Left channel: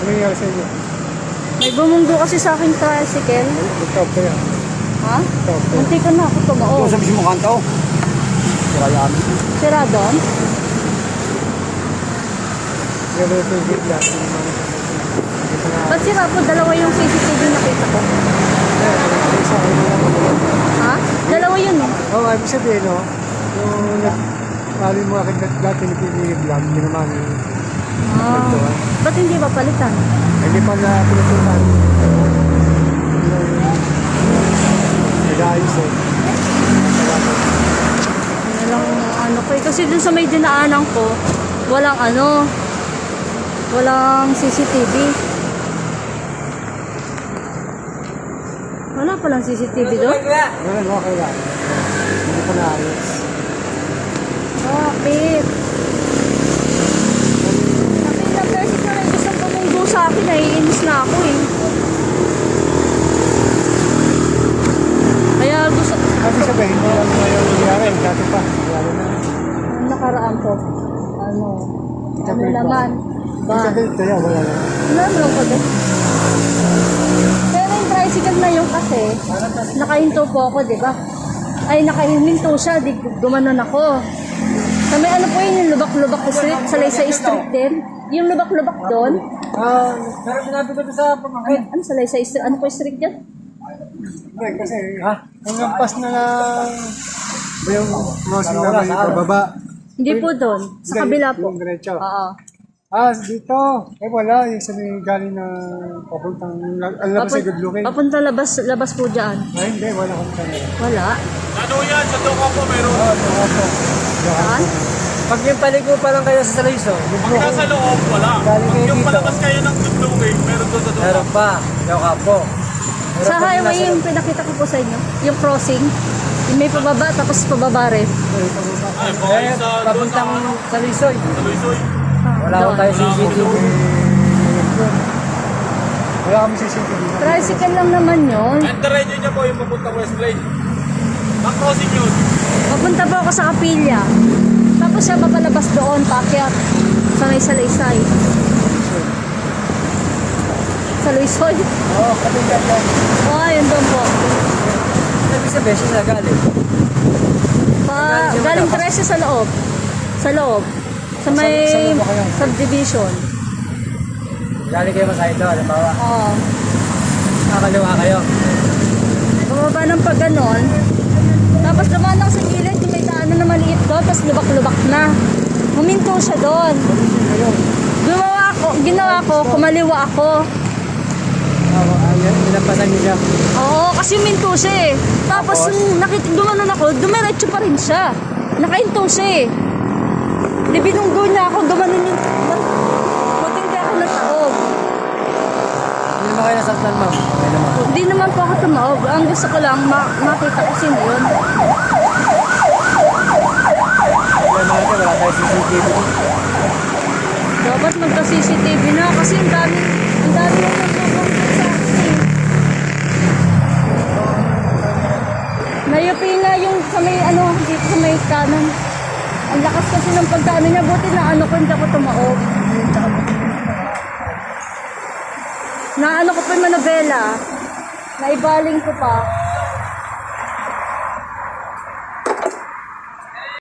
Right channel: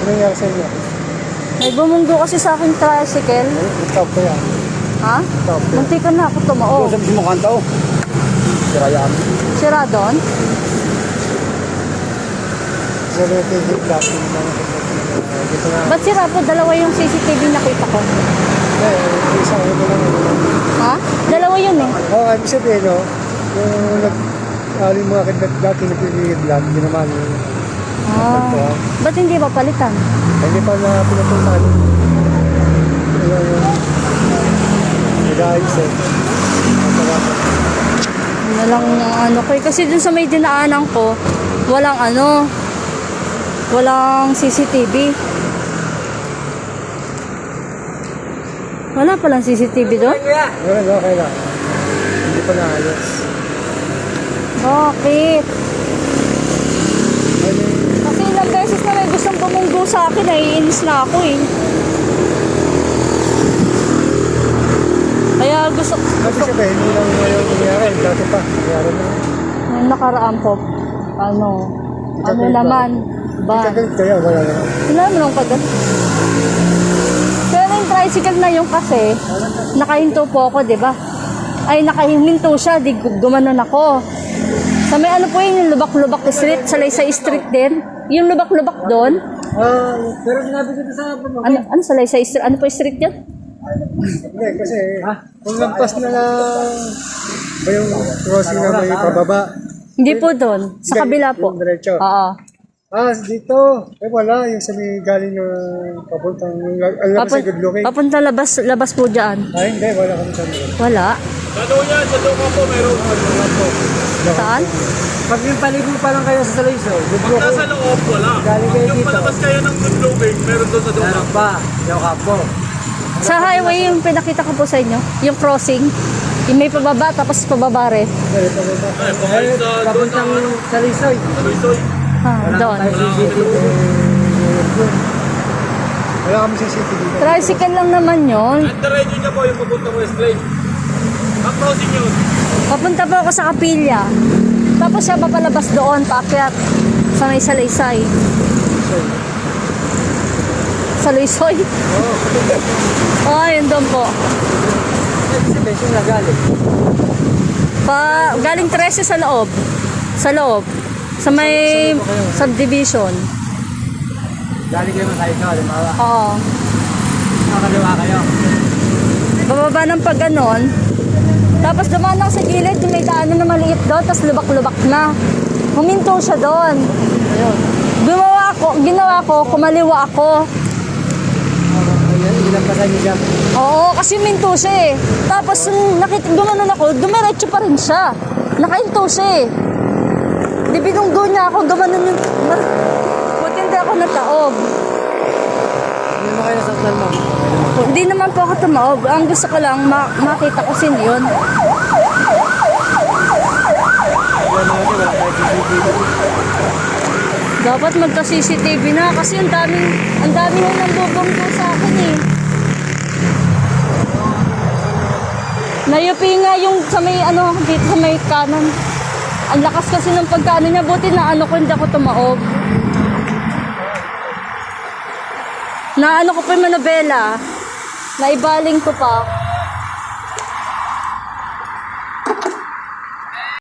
Ano nangyari sa inyo? May bumunggo kasi sa aking tricycle. Stop ka yan. Ha? Stop ka. Munti ka na ako tumaog. Usap si mukha tao. Sira yan. Sira doon? Pero yung favorite dati naman ako. Dito na. Ba't sira po? Dalawa yung CCTV nakita ko. Isa ako na lang. Ha? Dalawa yun eh. Oo, ibig sabihin, no? Yung nag-ari mo akin dati nagpipigil-vlog, hindi naman. Oh. Ba't hindi ba palitan? Hindi pa na pinupuntahan. Yung nag-aayos eh. Masalamat. Ano lang ano ko eh. Kasi dun sa may dinaanan ko, walang CCTV. Wala palang CCTV doon? Okay lang. Hindi pa naayos. Bakit? Kasi ilang beses na may gustong tumunggo sa akin, naiinis na ako eh. Kaya gusto... Ibig sabihin, hindi lang ngayon nangyari. Dati pa, nangyari na. Yung nakaraan po, ano naman, ba? Hindi ka galit kaya, wala naman. Wala naman ka doon. Pero yung tricycle na yun kasi, nakahinto po ako, di ba? Ay, nakahinto siya, di gumanon ako. Sa may ano po yun, yung lubak-lubak street, sa Laysay Street din. Yung lubak-lubak doon. Pero sinabi ko sa pamangkin. Ano sa Laysay Street? Ano po yung street yan? Hindi, kasi kung lampas na lang ba yung crossing na may pababa. Hindi po doon, sa kabila po. Yung diretso. Oo. Dito. Wala. Yung sa may galing na papuntang, alam ko sa good looking. Papunta labas po dyan. Hindi. Wala ko sa Wala. Ano yan? Sa Doka po meron. Saan? Pag yung paligo parang kaya sa Salayso. Good Pag nasa loob, wala. Galing kayo Yung dito. palabas kayo ng Dublogate, meron doon sa Doka. Meron pa. Doka po. Sa highway yung pinakita ko po sa inyo, yung crossing, yung may pababa tapos pababa rin. Papuntang Salisay. Wala ko Doon. tayo CCTV. Wala kami CCTV. Tricycle lang naman yun. Antaray nyo po yung papunta mo straight. Ang crossing yun. Papunta po ako sa Kapilya. Tapos siya papalabas doon, paakyat sa may Salaysay. Sa Luisoy? Oo, kapag Oo, yun doon po. sa beses na galing. Galing 13 sa loob. Sa loob. Sa may Sa loob ba kayo? subdivision. Galing kayo sa ito. Oo. Nakakaliwa kayo. Bababa ng pag ganon. Tapos dumaan lang sa gilid, yung may daanan na maliit doon, tapos lubak-lubak na. Huminto siya doon. Ayun. Ginawa ko, kumaliwa ako. Ayan, ginampasan niyo dyan. Oo, kasi huminto siya eh. Tapos nung dumanon ako, dumiretso pa rin siya. Nakahinto siya eh. Di binunggo niya ako, gumanon yung... Maganda ako nataog. Hindi mo kayo nasaktan, ma'am. Hindi naman po ako tumaog. Ang gusto ko lang, makita ko sin yun. Wala ito, wala tayo CCTV. Dapat magka-CCTV na kasi ang dami na nagbabarito sa akin eh. Nayupi nga yung sa may dito sa may kanan. Ang lakas kasi ng pagkaano niya, buti na ko hindi ako tumaog. Na ko pa yung manobela, naibaling ko pa.